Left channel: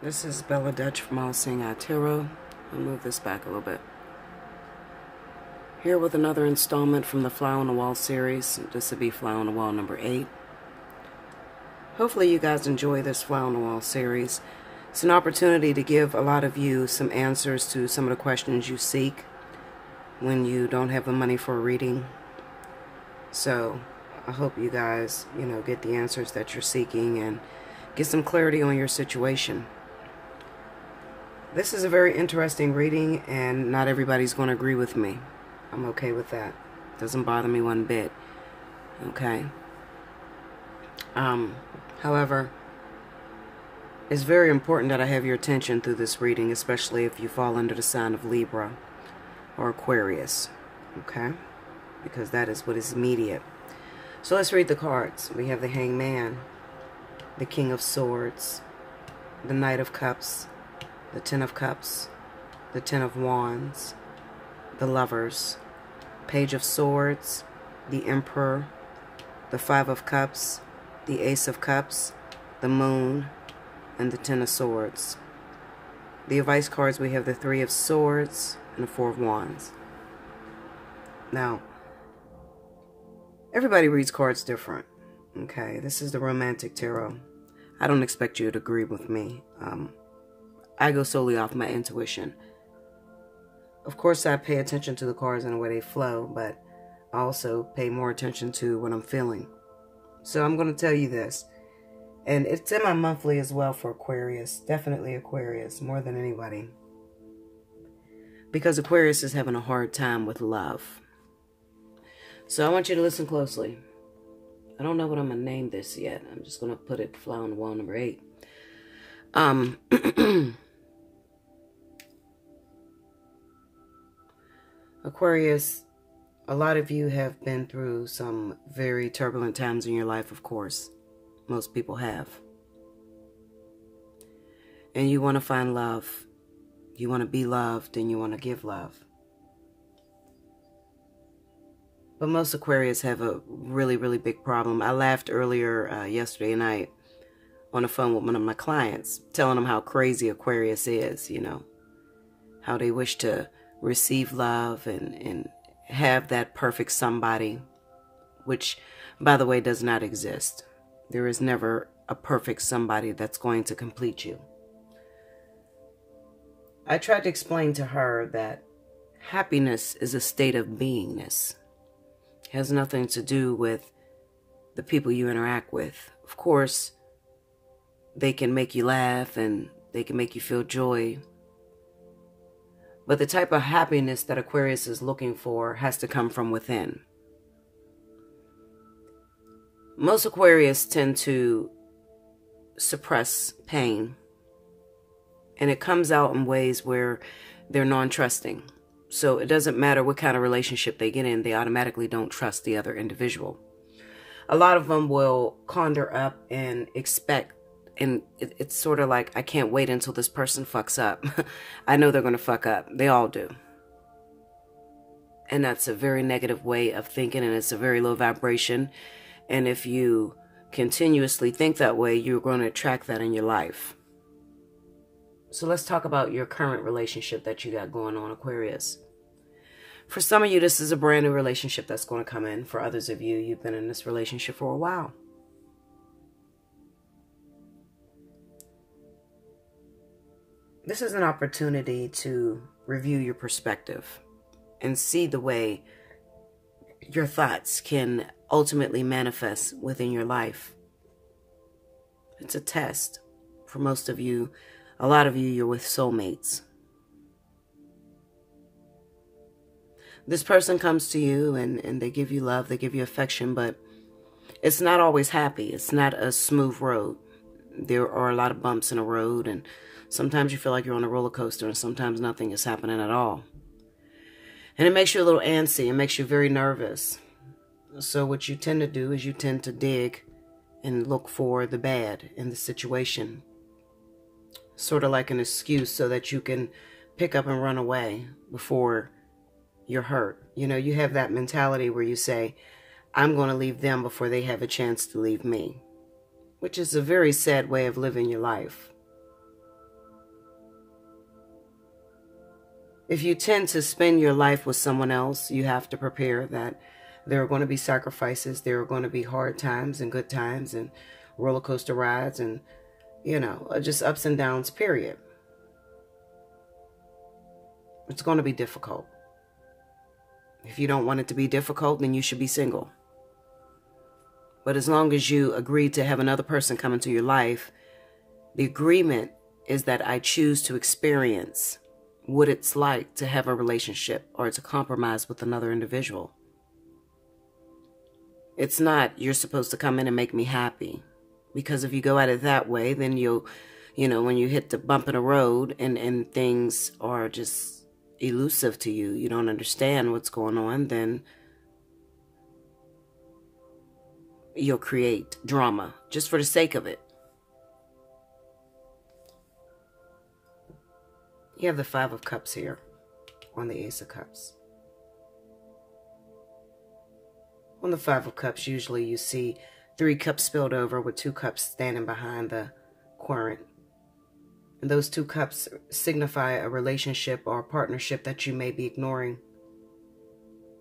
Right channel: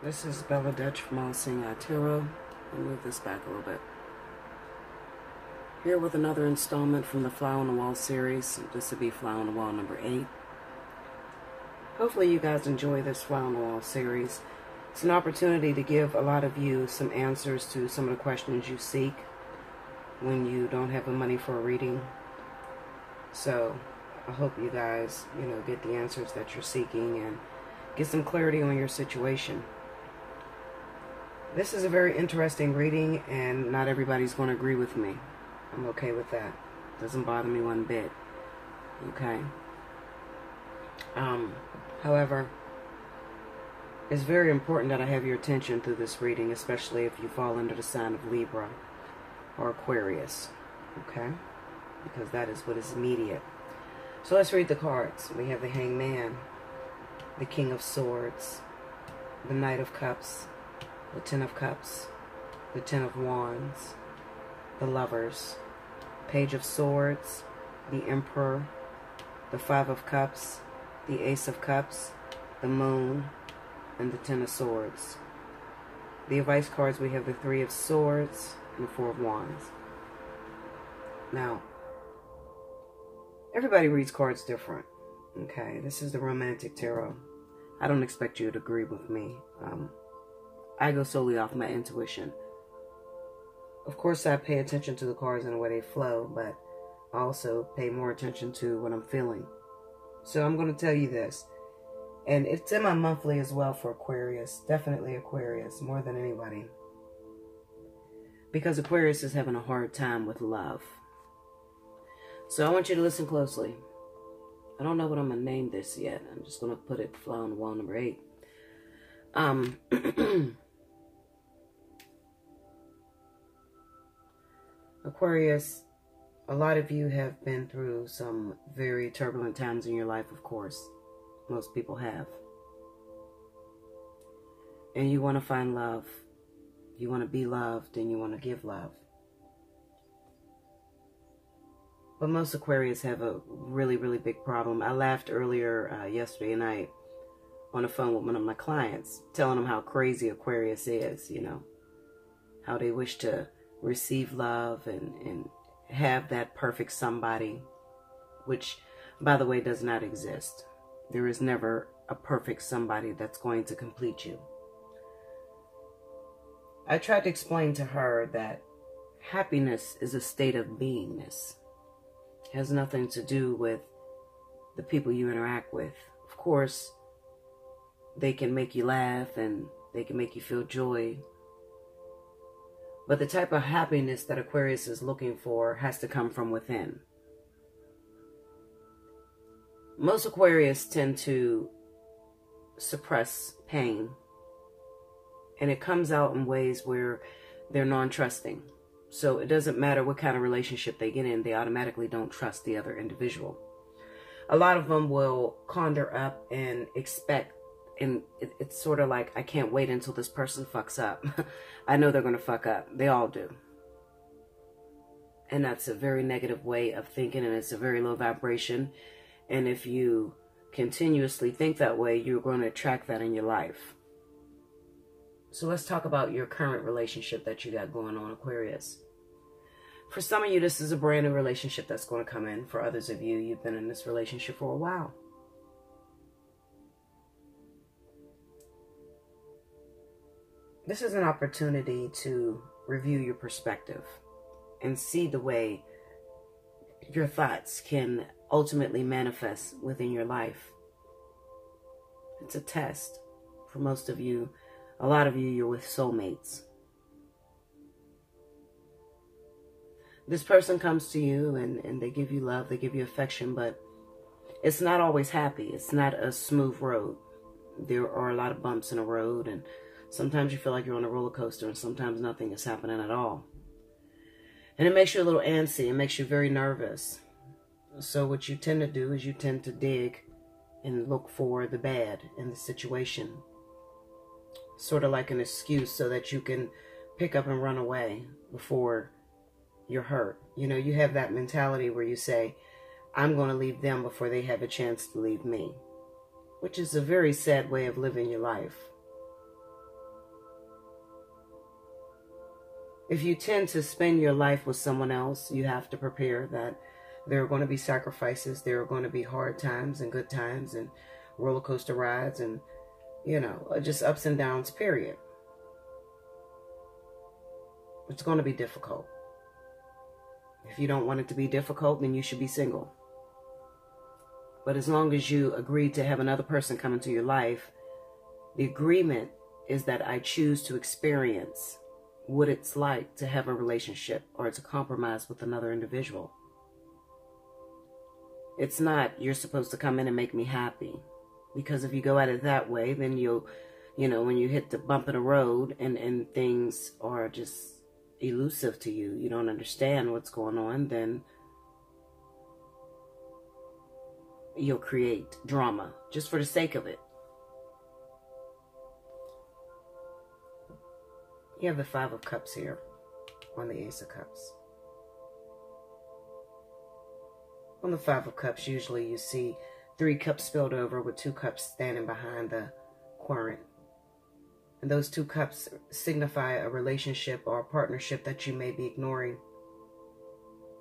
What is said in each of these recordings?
This is Bella Dutch from Allseeingeyetarot. I'll move this back a little bit. Here with another installment from the Fly on the Wall series. This will be Fly on the Wall number 8. Hopefully you guys enjoy this Fly on the Wall series. It's an opportunity to give a lot of you some answers to some of the questions you seek when you don't have the money for a reading. So I hope you guys, get the answers that you're seeking and get some clarity on your situation. This is a very interesting reading, and not everybody's going to agree with me. I'm okay with that. Doesn't bother me one bit. Okay. However, it's very important that I have your attention through this reading, especially if you fall under the sign of Libra or Aquarius. Okay? Because that is what is immediate. So let's read the cards. We have the Hangman, the King of Swords, the Knight of Cups, the Ten of Cups, the Ten of Wands, the Lovers, Page of Swords, the Emperor, the Five of Cups, the Ace of Cups, the Moon, and the Ten of Swords. The advice cards, we have the Three of Swords and the Four of Wands. Now, everybody reads cards different. Okay, this is the Romantic Tarot. I don't expect you to agree with me. I go solely off my intuition. Of course, I pay attention to the cards and the way they flow, but I also pay more attention to what I'm feeling. So I'm going to tell you this. And it's in my monthly as well for Aquarius. Definitely Aquarius, more than anybody. Because Aquarius is having a hard time with love. So I want you to listen closely. I don't know what I'm going to name this yet. I'm just going to put it Fly on the Wall number 8. Aquarius, a lot of you have been through some very turbulent times in your life, of course. Most people have. And you want to find love. You want to be loved and you want to give love. But most Aquarius have a really, really big problem. I laughed earlier yesterday night on the phone with one of my clients, telling them how crazy Aquarius is, how they wish to receive love and have that perfect somebody, which, by the way, does not exist. There is never a perfect somebody that's going to complete you. I tried to explain to her that happiness is a state of beingness. It has nothing to do with the people you interact with. Of course, they can make you laugh and they can make you feel joy. But the type of happiness that Aquarius is looking for has to come from within. Most Aquarius tend to suppress pain. And it comes out in ways where they're non-trusting. So it doesn't matter what kind of relationship they get in, they automatically don't trust the other individual. A lot of them will conjure up and expect, and it's sort of like, I can't wait until this person fucks up. I know they're going to fuck up. They all do. And that's a very negative way of thinking, and it's a very low vibration. And if you continuously think that way, you're going to attract that in your life. So let's talk about your current relationship that you got going on, Aquarius. For some of you, this is a brand new relationship that's going to come in. For others of you, you've been in this relationship for a while. This is an opportunity to review your perspective and see the way your thoughts can ultimately manifest within your life. It's a test. For most of you, a lot of you, you're with soulmates. This person comes to you and they give you love, they give you affection, but it's not always happy. It's not a smooth road. There are a lot of bumps in the road, and sometimes you feel like you're on a roller coaster, and sometimes nothing is happening at all. And it makes you a little antsy. It makes you very nervous. So what you tend to do is you tend to dig and look for the bad in the situation. Sort of like an excuse so that you can pick up and run away before you're hurt. You have that mentality where you say, I'm going to leave them before they have a chance to leave me. Which is a very sad way of living your life. If you tend to spend your life with someone else, you have to prepare that there are going to be sacrifices. There are going to be hard times and good times and roller coaster rides and, you know, just ups and downs, period. It's going to be difficult. If you don't want it to be difficult, then you should be single. But as long as you agree to have another person come into your life, the agreement is that I choose to experience what it's like to have a relationship or to compromise with another individual. It's not, you're supposed to come in and make me happy. Because if you go at it that way, then you'll, you know, when you hit the bump in the road and things are just elusive to you, you don't understand what's going on, then you'll create drama just for the sake of it. You have the Five of Cups here on the Ace of Cups. On the Five of Cups, usually you see 3 cups spilled over with 2 cups standing behind the querent. And those 2 cups signify a relationship or a partnership that you may be ignoring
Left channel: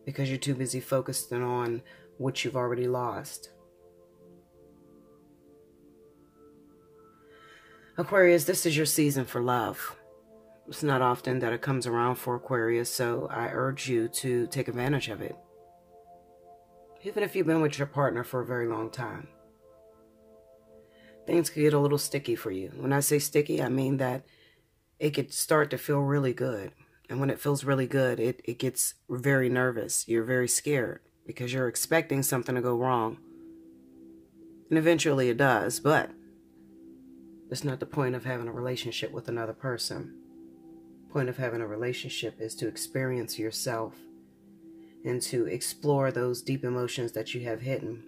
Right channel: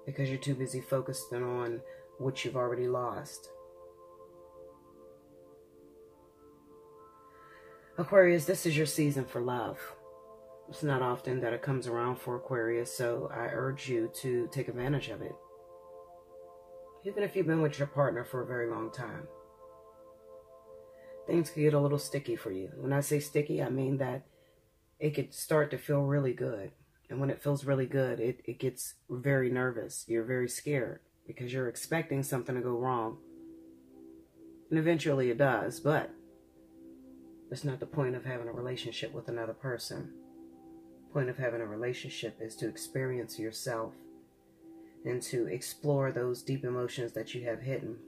because you're too busy focusing on what you've already lost. Aquarius, this is your season for love. It's not often that it comes around for Aquarius, so I urge you to take advantage of it. Even if you've been with your partner for a very long time. Things could get a little sticky for you. When I say sticky, I mean that it could start to feel really good. And when it feels really good, it gets very nervous. You're very scared because you're expecting something to go wrong. And eventually it does, but it's not the point of having a relationship with another person. The point of having a relationship is to experience yourself and to explore those deep emotions that you have hidden.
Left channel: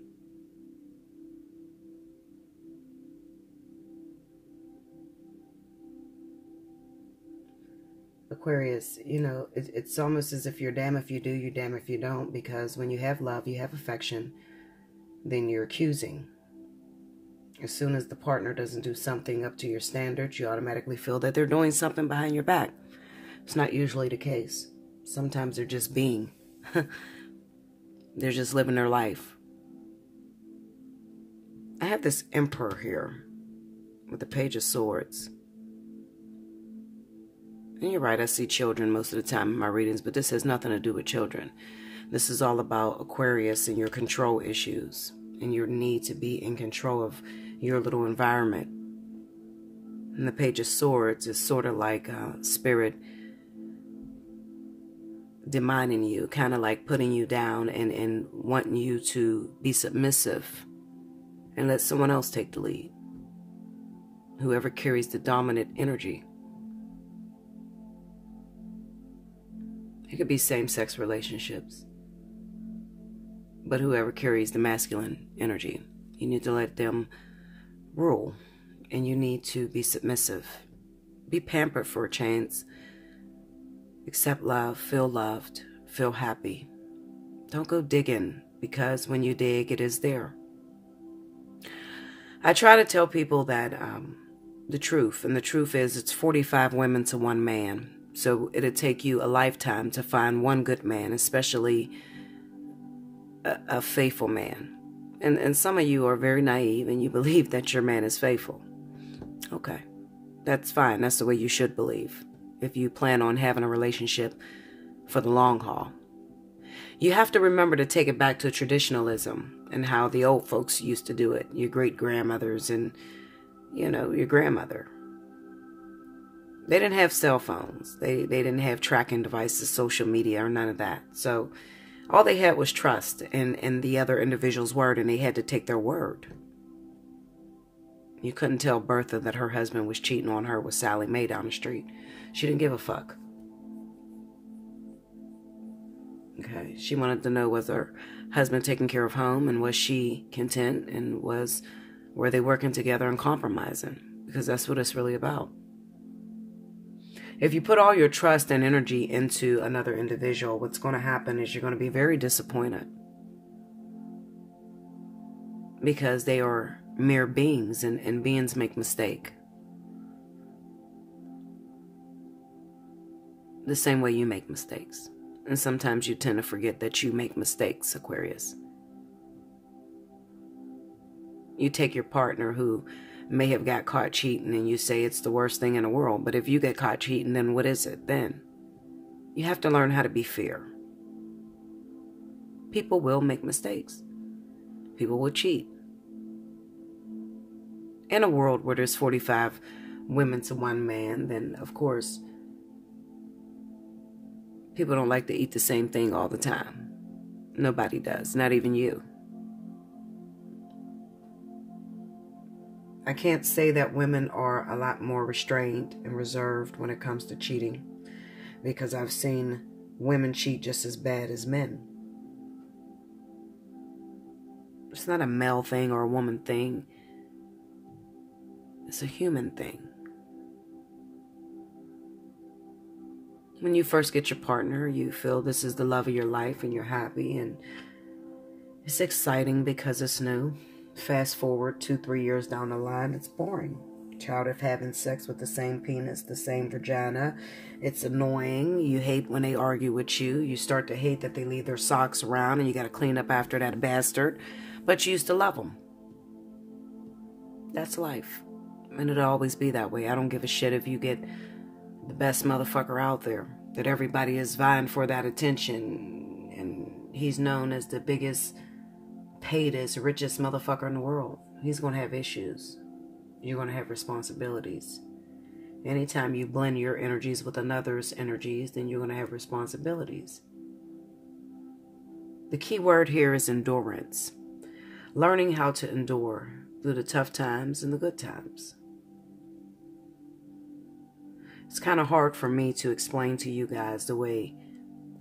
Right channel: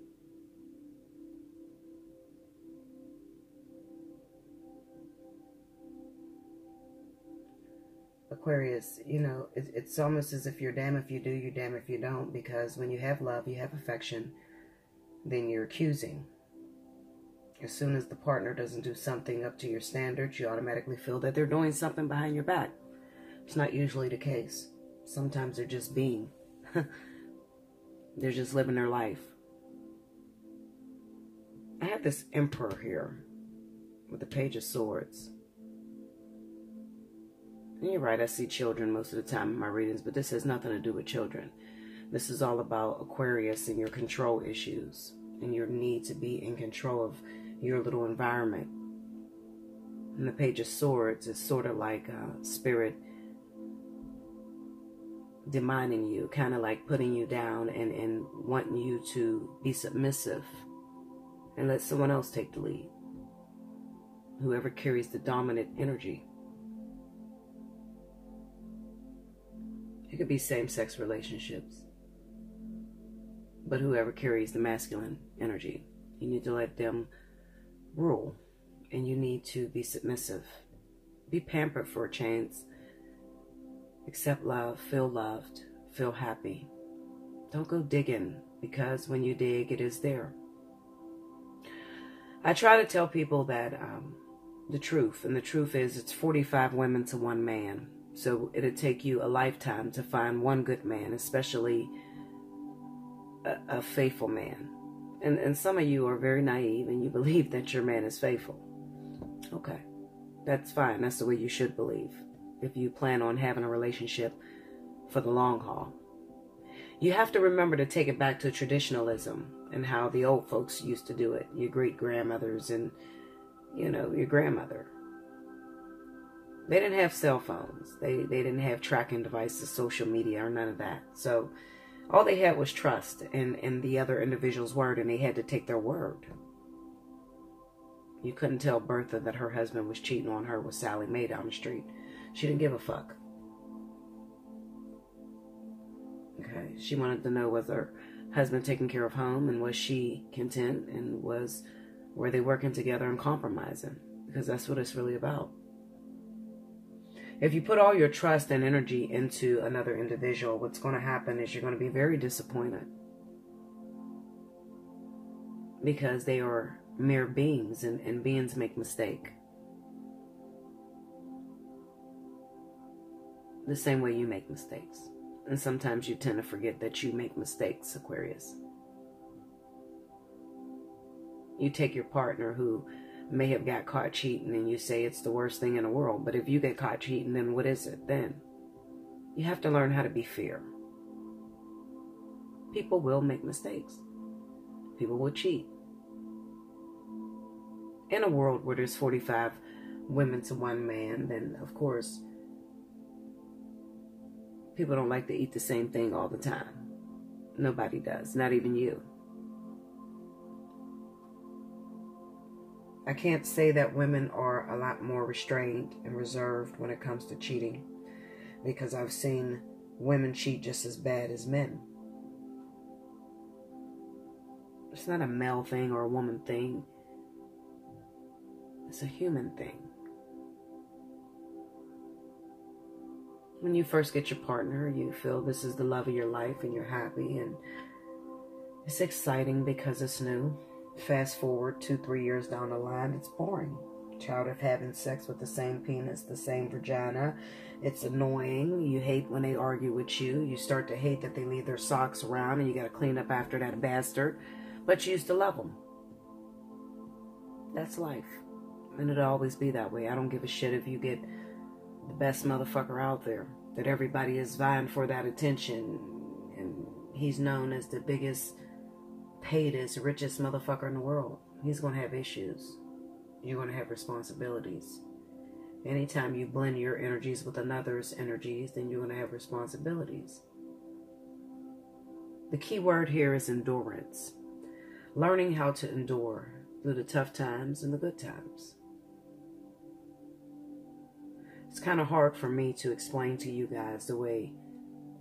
Aquarius, you know, it's almost as if you're damned if you do, you're damned if you don't, because when you have love, you have affection, then you're accusing. As soon as the partner doesn't do something up to your standards, you automatically feel that they're doing something behind your back. It's not usually the case. Sometimes they're just being. They're just living their life. I have this Emperor here with the Page of Swords. And you're right, I see children most of the time in my readings, but this has nothing to do with children. This is all about Aquarius and your control issues and your need to be in control of your little environment. And the Page of Swords is sort of like spirit demining you, kind of like putting you down and wanting you to be submissive and let someone else take the lead. Whoever carries the dominant energy. It could be same-sex relationships. But whoever carries the masculine energy, you need to let them rule. And you need to be submissive. Be pampered for a chance. Accept love, feel loved, feel happy. Don't go digging, because when you dig, it is there. I try to tell people that the truth, and the truth is it's 45 women to 1 man. So it'll take you a lifetime to find one good man, especially a faithful man. And some of you are very naive and you believe that your man is faithful. Okay, that's fine. That's the way you should believe if you plan on having a relationship for the long haul. You have to remember to take it back to traditionalism and how the old folks used to do it. Your great-grandmothers and, you know, your grandmother. They didn't have cell phones. They didn't have tracking devices, social media, or none of that. So all they had was trust in the other individual's word, and they had to take their word. You couldn't tell Bertha that her husband was cheating on her with Sally Mae down the street. She didn't give a fuck. Okay, she wanted to know, was her husband taking care of home, and was she content, and were they working together and compromising? Because that's what it's really about. If you put all your trust and energy into another individual, what's going to happen is you're going to be very disappointed. Because they are mere beings, and beings make mistakes. the same way you make mistakes. And sometimes you tend to forget that you make mistakes, Aquarius. You take your partner who may have got caught cheating and you say it's the worst thing in the world. But if you get caught cheating, then what is it then? You have to learn how to be fair. People will make mistakes. People will cheat. In a world where there's 45 women to one man, then of course, people don't like to eat the same thing all the time. Nobody does, not even you. I can't say that women are a lot more restrained and reserved when it comes to cheating, because I've seen women cheat just as bad as men. It's not a male thing or a woman thing. It's a human thing. When you first get your partner, you feel this is the love of your life and you're happy and it's exciting because it's new. Fast forward 2-3 years down the line, it's boring. Tired of having sex with the same penis, the same vagina. It's annoying. You hate when they argue with you. You start to hate that they leave their socks around and you got to clean up after that bastard. But you used to love them. That's life. And it'll always be that way. I don't give a shit if you get the best motherfucker out there, that everybody is vying for that attention, and he's known as the biggest, paidest, richest motherfucker in the world. He's going to have issues. You're going to have responsibilities. Anytime you blend your energies with another's energies, then you're going to have responsibilities. The key word here is endurance. Learning how to endure through the tough times and the good times. It's kind of hard for me to explain to you guys the way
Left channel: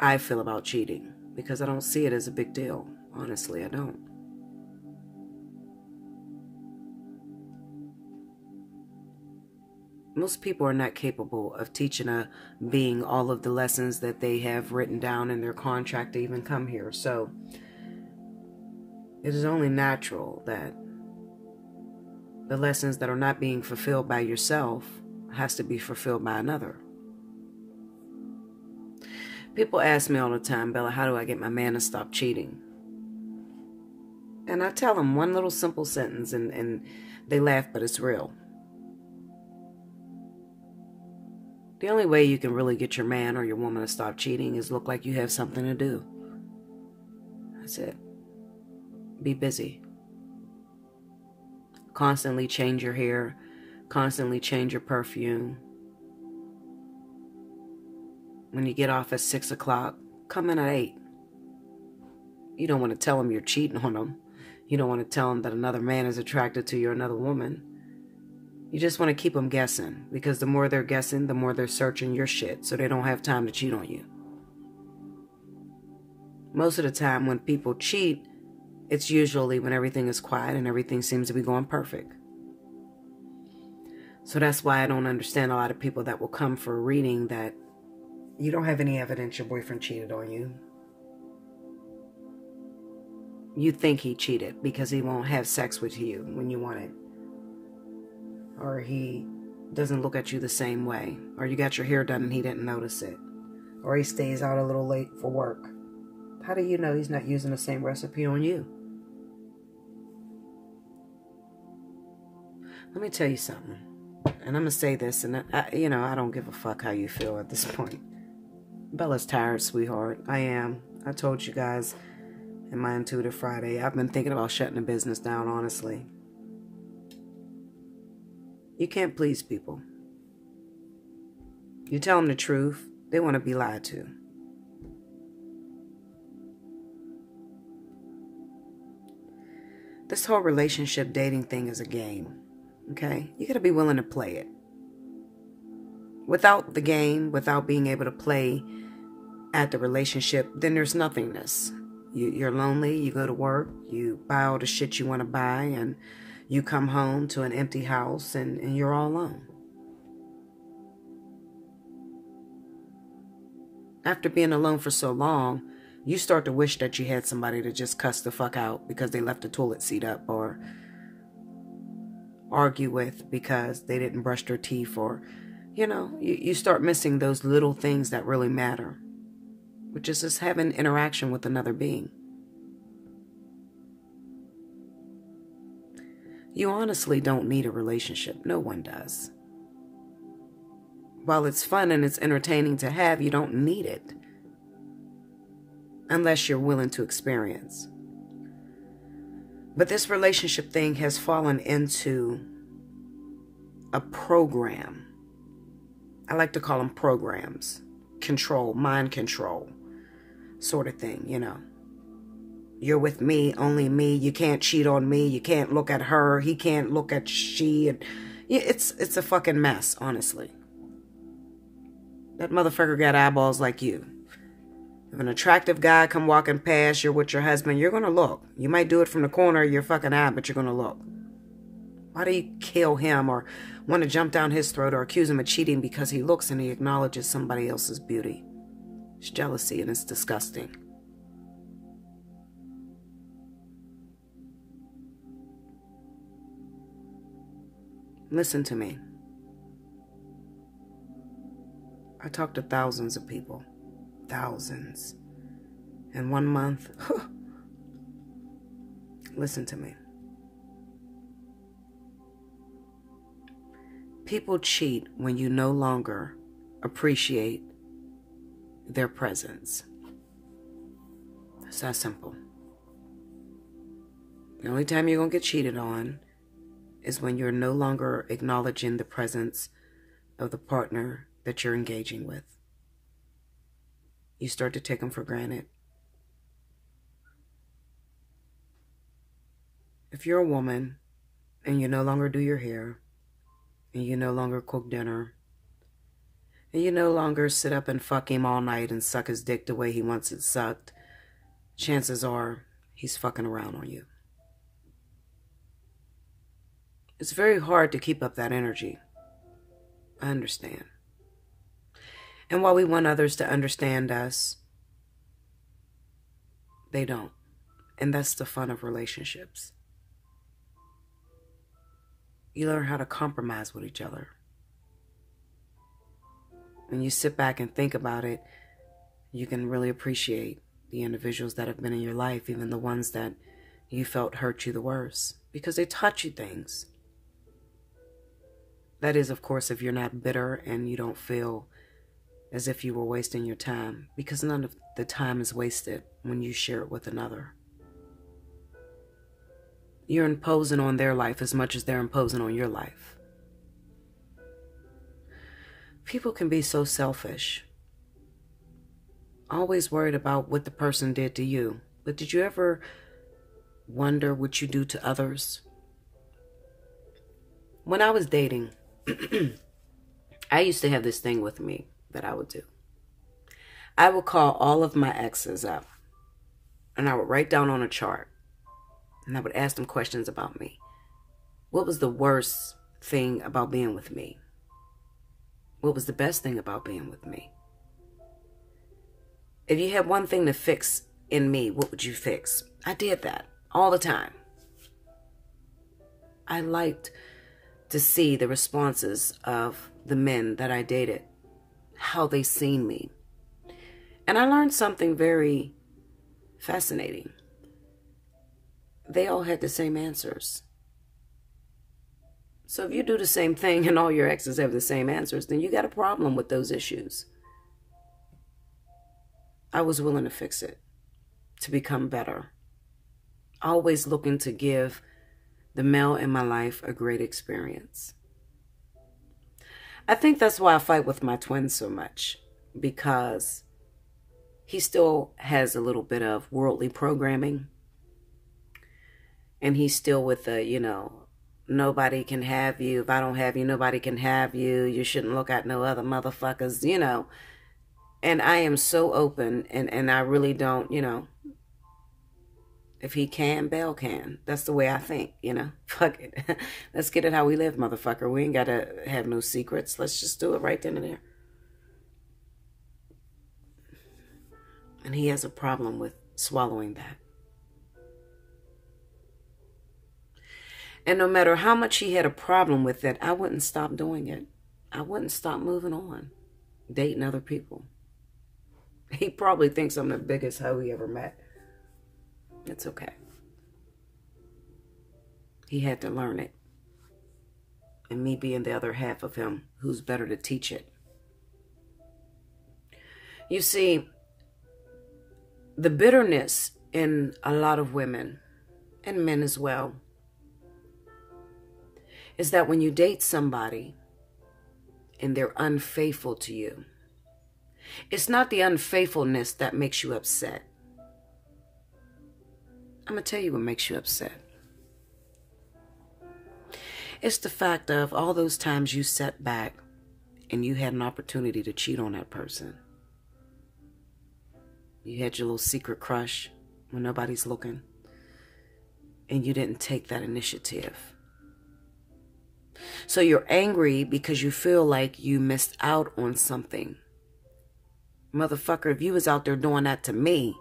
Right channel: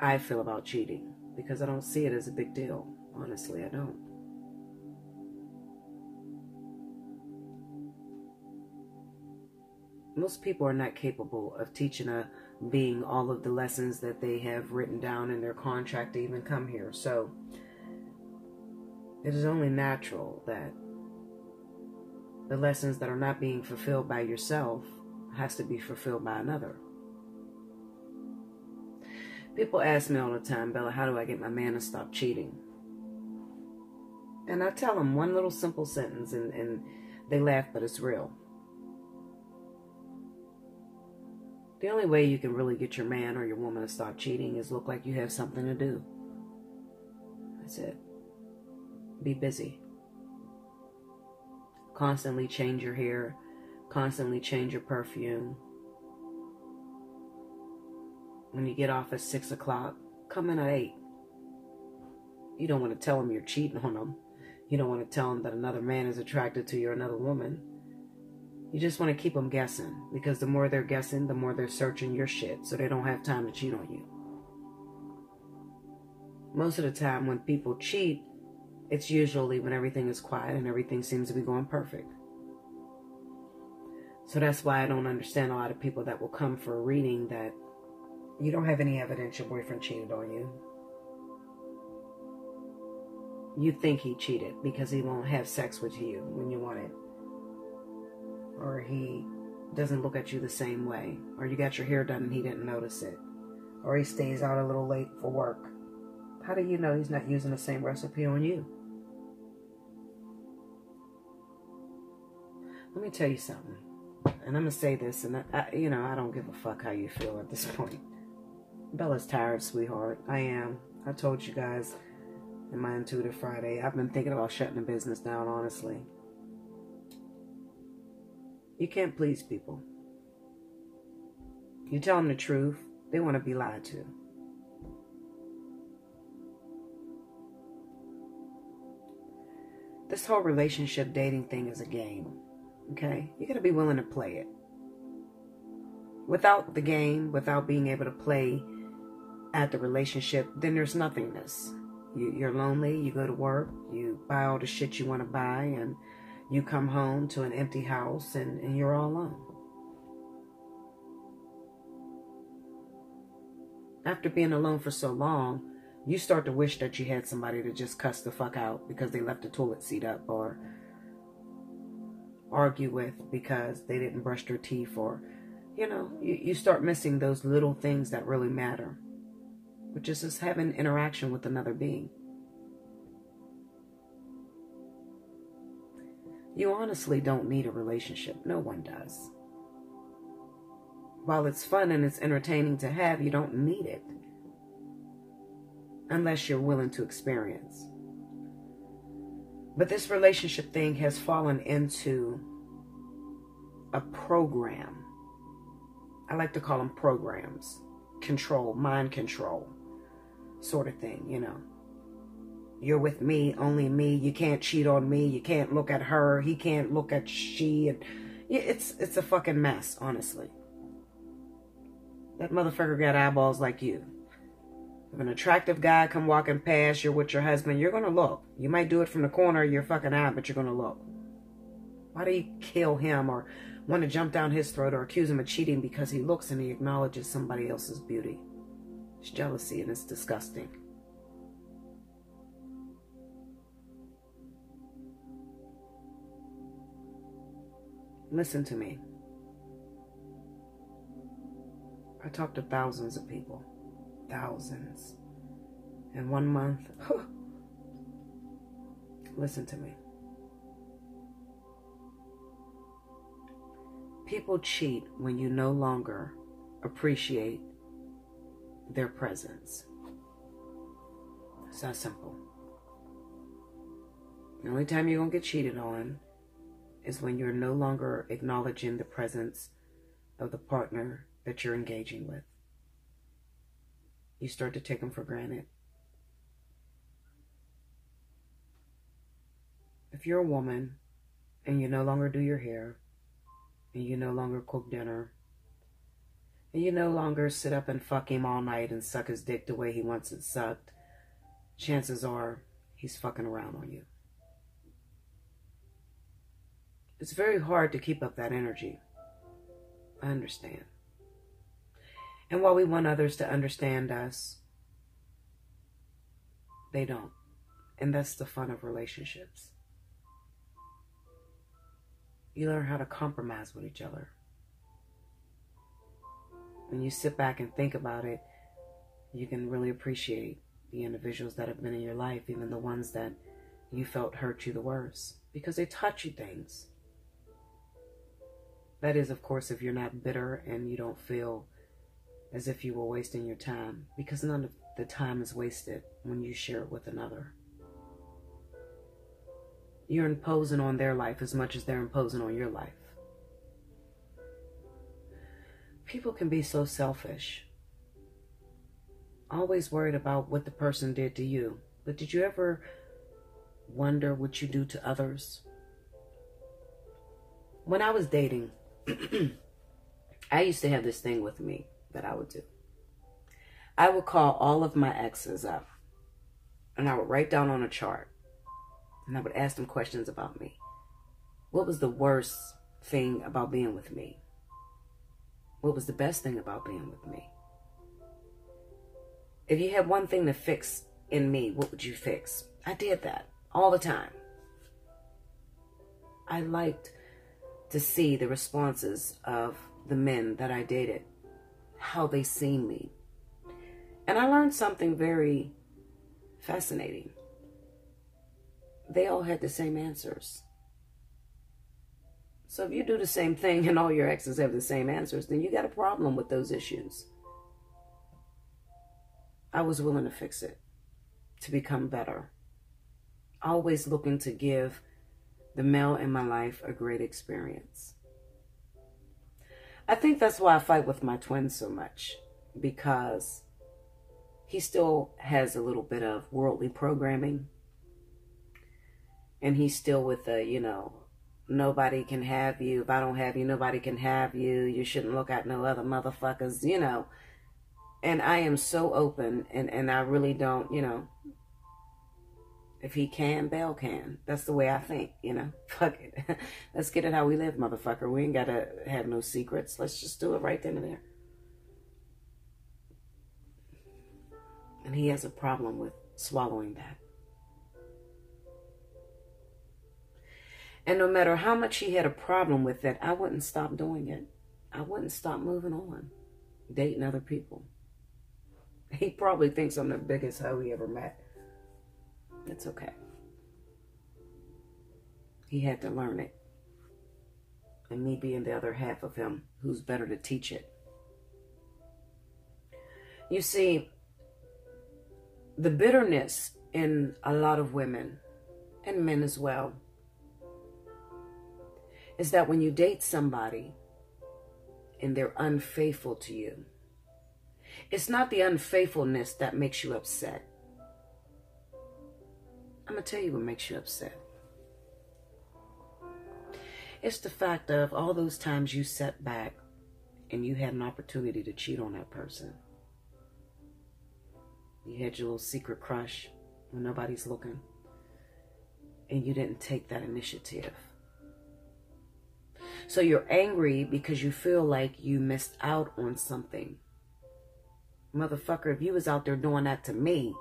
I feel about cheating, because I don't see it as a big deal. Honestly, I don't. Most people are not capable of teaching a being all of the lessons that they have written down in their contract to even come here. So it is only natural that the lessons that are not being fulfilled by yourself has to be fulfilled by another. People ask me all the time, Bella, how do I get my man to stop cheating? And I tell them one little simple sentence, and they laugh, but it's real. The only way you can really get your man or your woman to stop cheating is look like you have something to do. That's it. Be busy. Constantly change your hair. Constantly change your perfume. When you get off at 6 o'clock, come in at 8. You don't want to tell them you're cheating on them. You don't want to tell them that another man is attracted to you or another woman. You just want to keep them guessing, because the more they're guessing, the more they're searching your shit, so they don't have time to cheat on you. Most of the time when people cheat, it's usually when everything is quiet and everything seems to be going perfect. So that's why I don't understand a lot of people that will come for a reading that you don't have any evidence your boyfriend cheated on you. You think he cheated because he won't have sex with you when you want it. Or he doesn't look at you the same way. Or you got your hair done and he didn't notice it. Or he stays out a little late for work. How do you know he's not using the same recipe on you? Let me tell you something. And I'm going to say this, and I don't give a fuck how you feel at this point. Bella's tired, sweetheart. I am. I told you guys in my Intuitive Friday, I've been thinking about shutting the business down, honestly. You can't please people. You tell them the truth, they want to be lied to. This whole relationship dating thing is a game, okay? You got to be willing to play it. Without the game, without being able to play at the relationship, then there's nothingness. You're lonely, you go to work, you buy all the shit you want to buy, and you come home to an empty house and you're all alone. After being alone for so long, you start to wish that you had somebody to just cuss the fuck out because they left the toilet seat up, or argue with because they didn't brush their teeth, or you know, you start missing those little things that really matter, which is just having interaction with another being. You honestly don't need a relationship. No one does. While it's fun and it's entertaining to have, you don't need it. Unless you're willing to experience. But this relationship thing has fallen into a program. I like to call them programs. Control, mind control, sort of thing, you know. You're with me, only me. You can't cheat on me. You can't look at her. He can't look at she. And it's a fucking mess, honestly. That motherfucker got eyeballs like you. If an attractive guy come walking past, you're with your husband, you're going to look. You might do it from the corner of your fucking eye, but you're going to look. Why do you kill him or want to jump down his throat or accuse him of cheating because he looks and he acknowledges somebody else's beauty? It's jealousy and it's disgusting. Listen to me. I talk to thousands of people. Thousands. In 1 month. Listen to me. People cheat when you no longer appreciate their presence. It's that simple. The only time you're going to get cheated on is when you're no longer acknowledging the presence of the partner that you're engaging with. You start to take them for granted. If you're a woman and you no longer do your hair, and you no longer cook dinner, and you no longer sit up and fuck him all night and suck his dick the way he wants it sucked, chances are he's fucking around on you. It's very hard to keep up that energy. I understand. And while we want others to understand us, they don't. And that's the fun of relationships. You learn how to compromise with each other. When you sit back and think about it, you can really appreciate the individuals that have been in your life, even the ones that you felt hurt you the worst, because they taught you things. That is, of course, if you're not bitter and you don't feel as if you were wasting your time, because none of the time is wasted when you share it with another. You're imposing on their life as much as they're imposing on your life. People can be so selfish, always worried about what the person did to you. But did you ever wonder what you do to others? When I was dating, I used to have this thing with me that I would do. I would call all of my exes up, and I would write down on a chart, and I would ask them questions about me. What was the worst thing about being with me? What was the best thing about being with me? If you had one thing to fix in me, what would you fix? I did that all the time. I liked to see the responses of the men that I dated, how they seen me. And I learned something very fascinating. They all had the same answers. So if you do the same thing and all your exes have the same answers, then you got a problem with those issues. I was willing to fix it, to become better. Always looking to give the male in my life a great experience. I think that's why I fight with my twin so much, because he still has a little bit of worldly programming. And he's still with the, nobody can have you. If I don't have you, nobody can have you. You shouldn't look at no other motherfuckers, And I am so open, and I really don't, if he can, Belle can. That's the way I think, Fuck it. Let's get it how we live, motherfucker. We ain't got to have no secrets. Let's just do it right then and there. And he has a problem with swallowing that. And no matter how much he had a problem with it, I wouldn't stop doing it. I wouldn't stop moving on, dating other people. He probably thinks I'm the biggest hoe he ever met. It's okay. He had to learn it. And me being the other half of him, who's better to teach it. You see, the bitterness in a lot of women, and men as well, is that when you date somebody and they're unfaithful to you, it's not the unfaithfulness that makes you upset. I'm going to tell you what makes you upset. It's the fact of all those times you sat back and you had an opportunity to cheat on that person. You had your little secret crush when nobody's looking, and you didn't take that initiative. So you're angry because you feel like you missed out on something. Motherfucker, if you was out there doing that to me,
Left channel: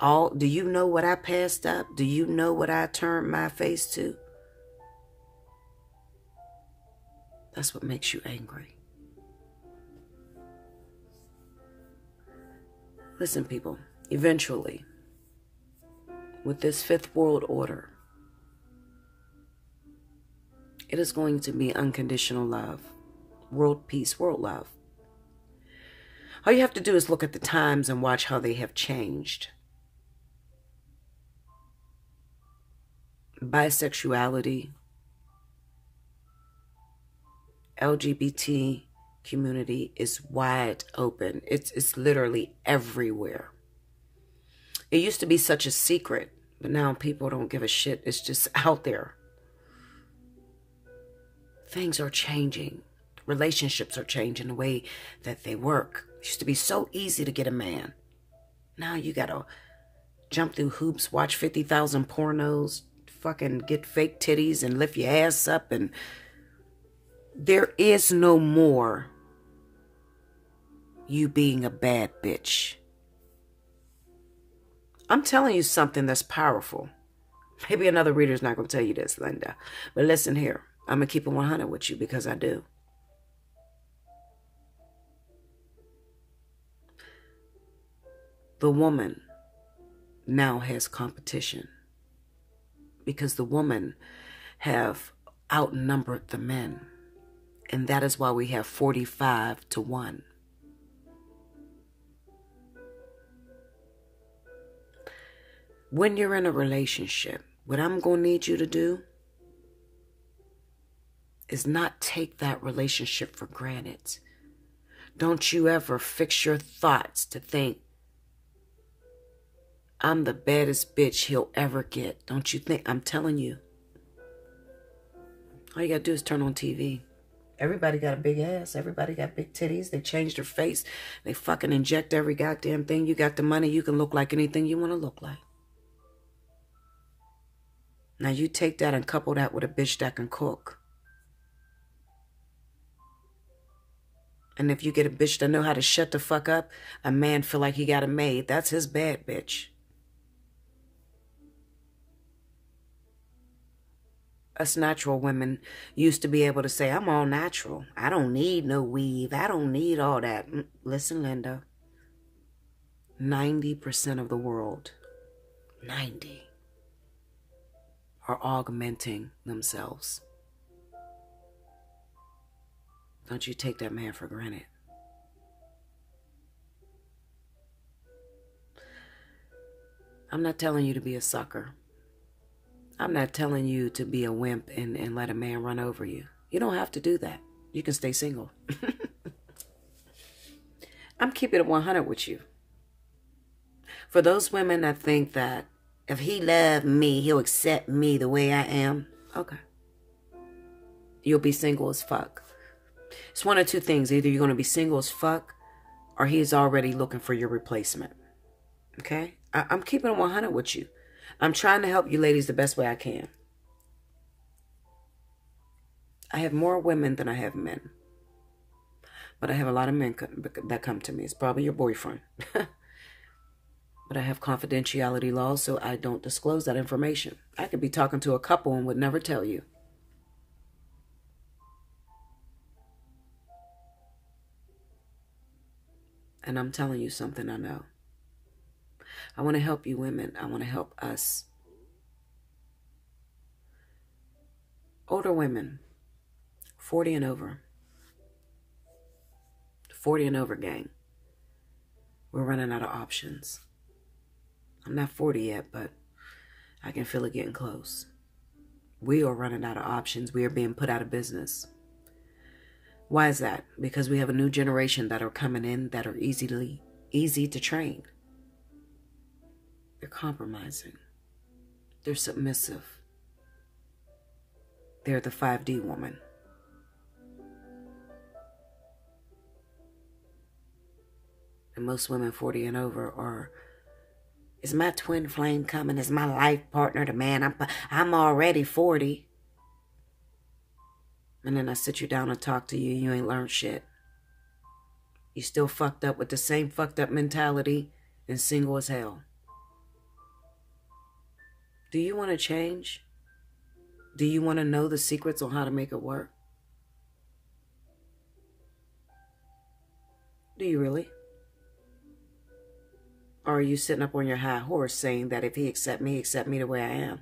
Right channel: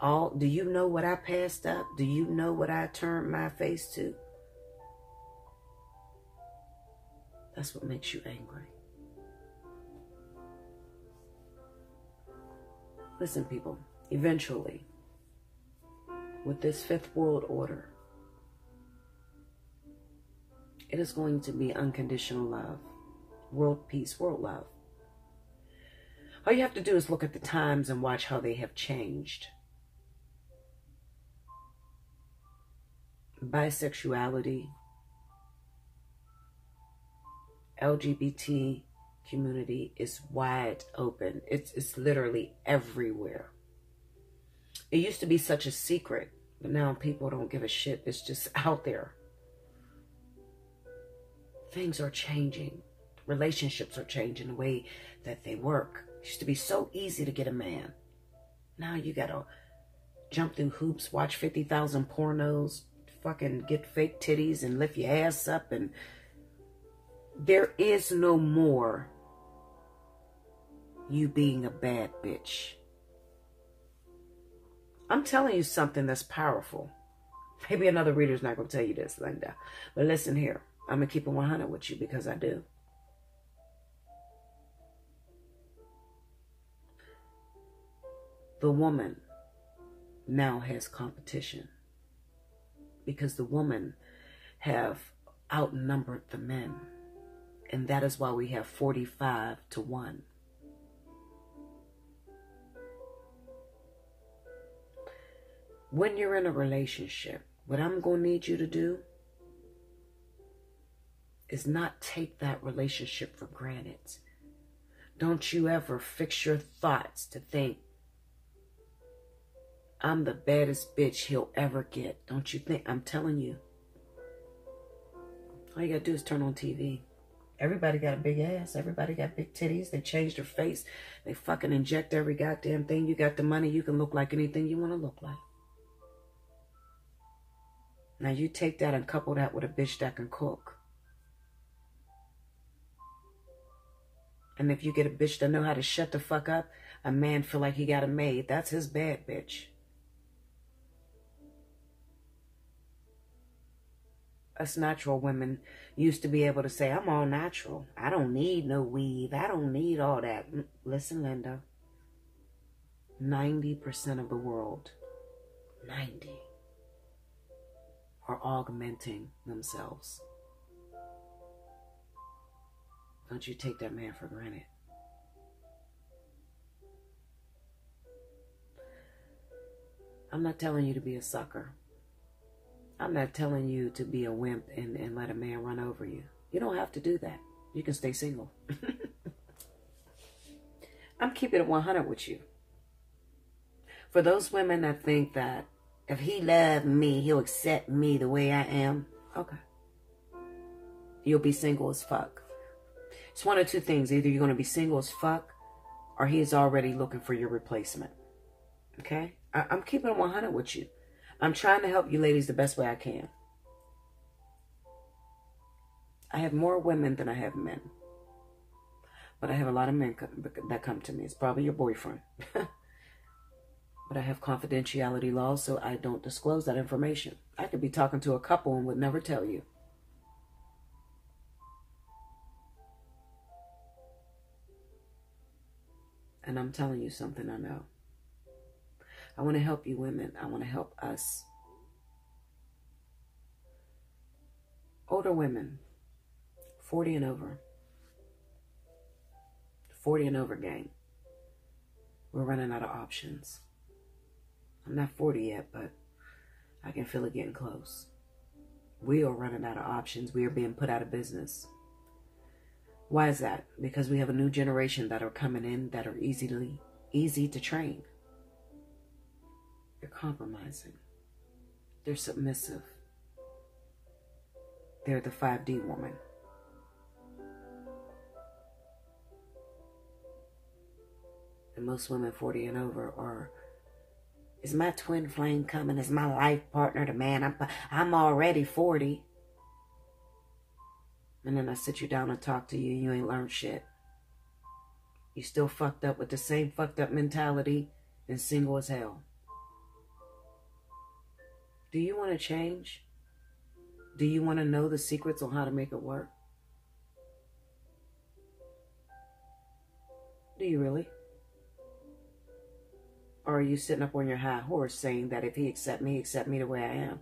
do you know what I passed up? Do you know what I turned my face to? That's what makes you angry. Listen, people, eventually, with this fifth world order, it is going to be unconditional love, world peace, world love. All you have to do is look at the times and watch how they have changed. Bisexuality, LGBT community is wide open. It's literally everywhere. It used to be such a secret, but now people don't give a shit. It's just out there. Things are changing. Relationships are changing the way that they work. It used to be so easy to get a man. Now you gotta jump through hoops, watch 50,000 pornos, fucking get fake titties and lift your ass up, and there is no more you being a bad bitch. I'm telling you something that's powerful. Maybe another reader's not going to tell you this, Linda. But listen here. I'm going to keep it 100 with you because I do. The woman now has competition because the women have outnumbered the men. And that is why we have 45-1. When you're in a relationship, what I'm going to need you to do is not take that relationship for granted. Don't you ever fix your thoughts to think, I'm the baddest bitch he'll ever get. Don't you think? I'm telling you. All you got to do is turn on TV. Everybody got a big ass. Everybody got big titties. They changed their face. They fucking inject every goddamn thing. You got the money. You can look like anything you want to look like. Now you take that and couple that with a bitch that can cook. And if you get a bitch that know how to shut the fuck up, a man feel like he got a maid. That's his bad bitch. Us natural women used to be able to say, I'm all natural. I don't need no weave. I don't need all that. Listen, Linda. 90% of the world, 90, are augmenting themselves. Don't you take that man for granted. I'm not telling you to be a sucker. I'm not telling you to be a wimp and let a man run over you. You don't have to do that. You can stay single. I'm keeping it 100 with you. For those women that think that if he loved me, he'll accept me the way I am. Okay. You'll be single as fuck. It's one of two things. Either you're going to be single as fuck or he's already looking for your replacement. Okay? I'm keeping it 100 with you. I'm trying to help you ladies the best way I can. I have more women than I have men. But I have a lot of men that come to me. It's probably your boyfriend. But I have confidentiality laws, so I don't disclose that information. I could be talking to a couple and would never tell you. And I'm telling you something I know. I want to help you women. I want to help us. Older women, 40 and over. 40 and over gang. We're running out of options. I'm not 40 yet, but I can feel it getting close. We are running out of options. We are being put out of business. Why is that? Because we have a new generation that are coming in that are easy to train. They're compromising. They're submissive. They're the 5D woman. And most women 40 and over are, is my twin flame coming? Is my life partner the man? I'm already 40. And then I sit you down and talk to you. You ain't learned shit. You still fucked up with the same fucked up mentality and single as hell. Do you want to change? Do you want to know the secrets on how to make it work? Do you really? Or are you sitting up on your high horse saying that if he accept me the way I am?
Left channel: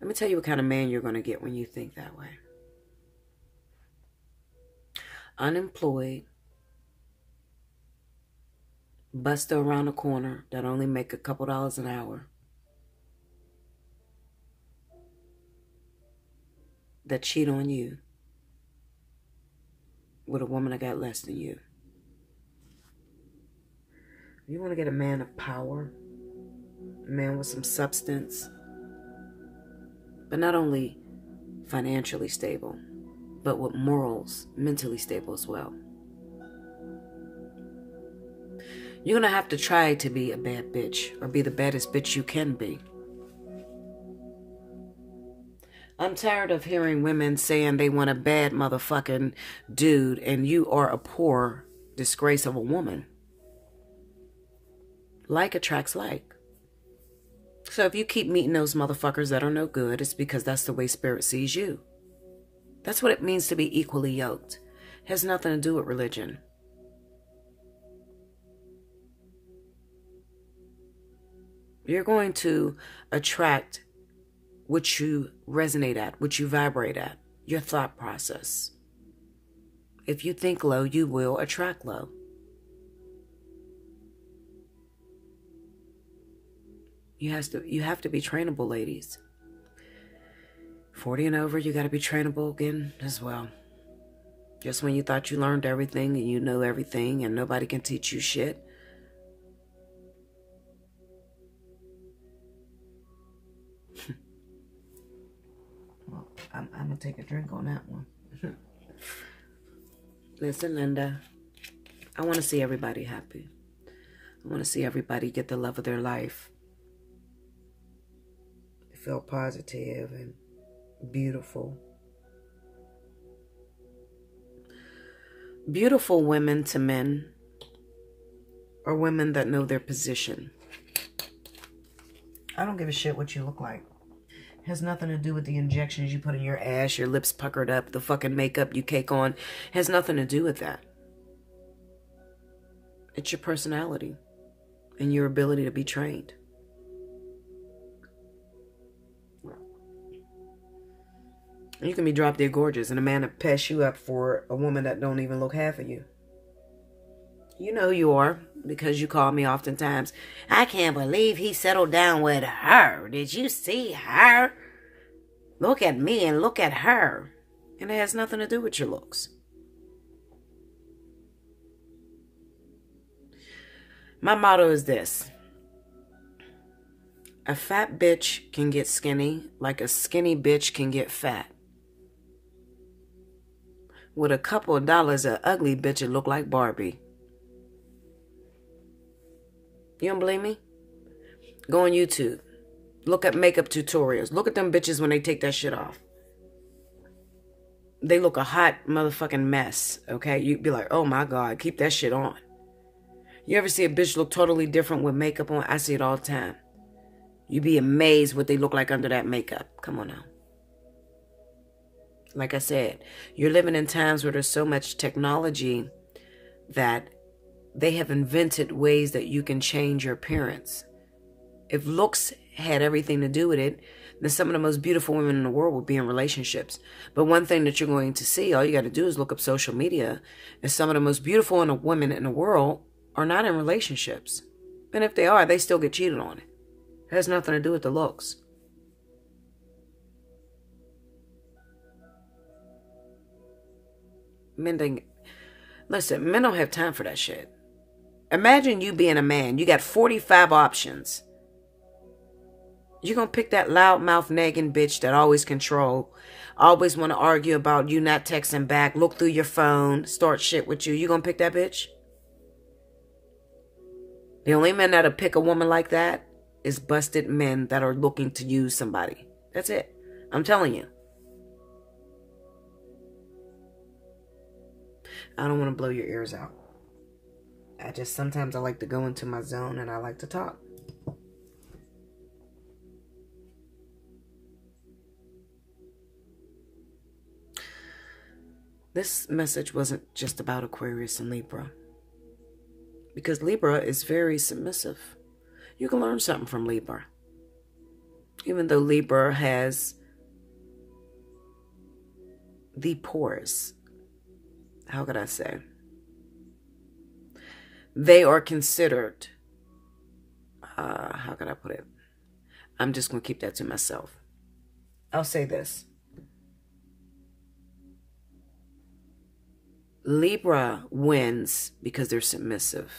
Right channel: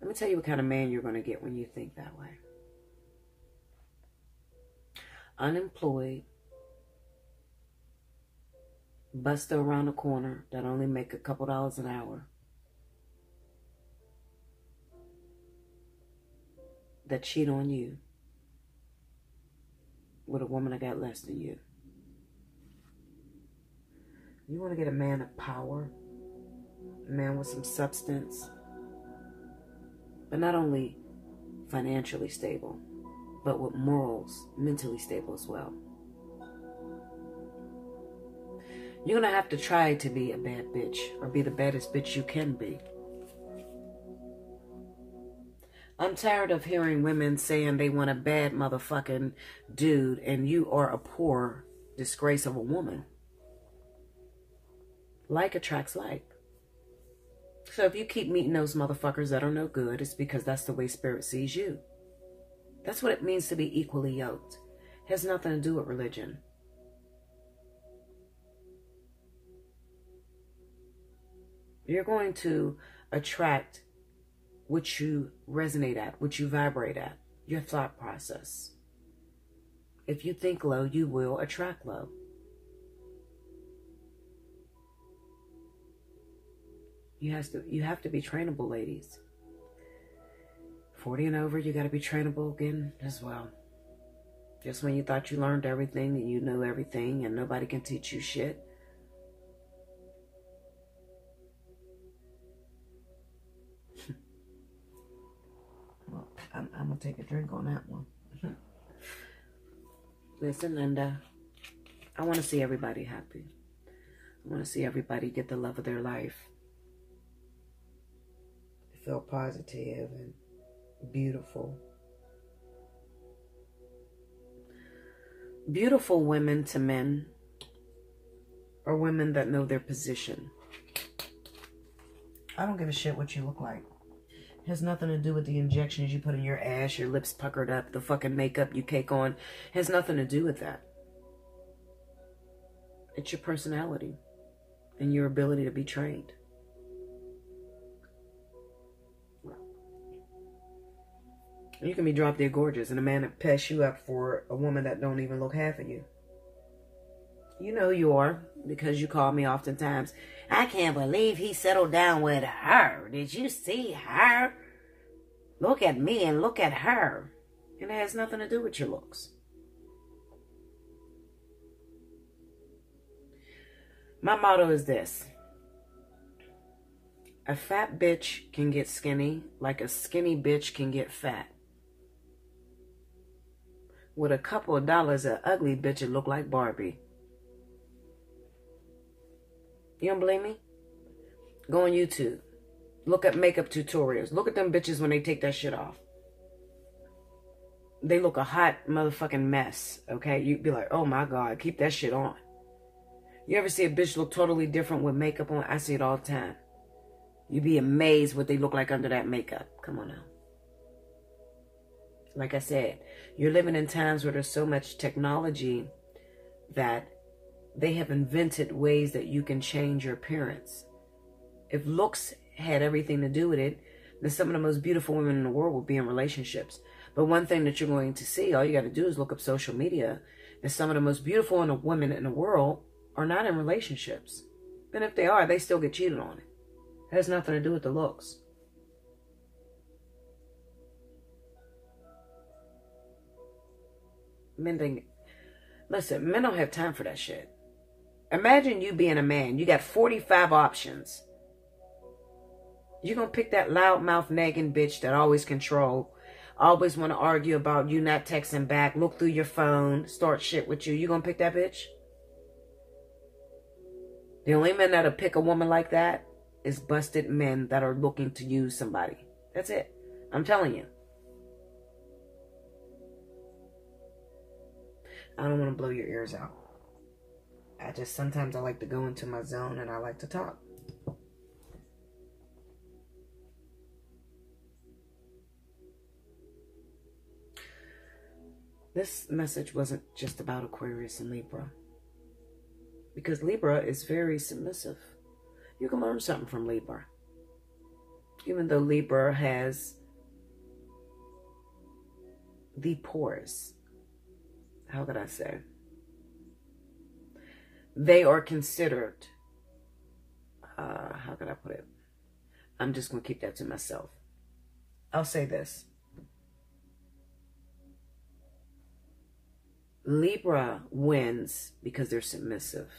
Let me tell you what kind of man you're going to get when you think that way. Unemployed, buster around the corner that only make a couple dollars an hour, that cheat on you with a woman that got less than you. You want to get a man of power, a man with some substance, but not only financially stable, but with morals, mentally stable as well. You're going to have to try to be a bad bitch or be the baddest bitch you can be. I'm tired of hearing women saying they want a bad motherfucking dude and you are a poor disgrace of a woman. Like attracts like. So if you keep meeting those motherfuckers that are no good, it's because that's the way spirit sees you. That's what it means to be equally yoked. It has nothing to do with religion. You're going to attract what you resonate at, what you vibrate at, your thought process. If you think low, you will attract low. You have to be trainable, ladies. 40 and over, you got to be trainable again as well. Just when you thought you learned everything and you know everything and nobody can teach you shit. Well, I'm going to take a drink on that one. Listen, Linda, I want to see everybody happy. I want to see everybody get the love of their life. Feel positive and beautiful. Beautiful women to men are women that know their position. I don't give a shit what you look like. It has nothing to do with the injections you put in your ass, your lips puckered up, the fucking makeup you cake on. It has nothing to do with that. It's your personality and your ability to be trained. You can be drop dead gorgeous and a man that pass you up for a woman that don't even look half of you. You know who you are because you call me oftentimes. I can't believe he settled down with her. Did you see her? Look at me and look at her. And it has nothing to do with your looks. My motto is this. A fat bitch can get skinny like a skinny bitch can get fat. With a couple of dollars, an ugly bitch would look like Barbie. You don't believe me? Go on YouTube. Look at makeup tutorials. Look at them bitches when they take that shit off. They look a hot motherfucking mess, okay? You'd be like, oh my God, keep that shit on. You ever see a bitch look totally different with makeup on? I see it all the time. You'd be amazed what they look like under that makeup. Come on now. Like I said, you're living in times where there's so much technology that they have invented ways that you can change your appearance. If looks had everything to do with it, then some of the most beautiful women in the world would be in relationships. But one thing that you're going to see, all you got to do is look up social media, and some of the most beautiful women in the world are not in relationships. And if they are, they still get cheated on. It has nothing to do with the looks. Men don't have time for that shit. Imagine you being a man. You got 45 options. You're going to pick that loudmouth nagging bitch that always control, always want to argue about you not texting back, look through your phone, start shit with you. You going to pick that bitch? The only men that'll pick a woman like that is busted men that are looking to use somebody. That's it. I'm telling you. I don't want to blow your ears out. Sometimes I like to go into my zone and I like to talk. This message wasn't just about Aquarius and Libra. Because Libra is very submissive. You can learn something from Libra. Even though Libra has the poorest, how could I say? They are considered, how can I put it? I'm just going to keep that to myself. I'll say this. Libra wins because they're submissive.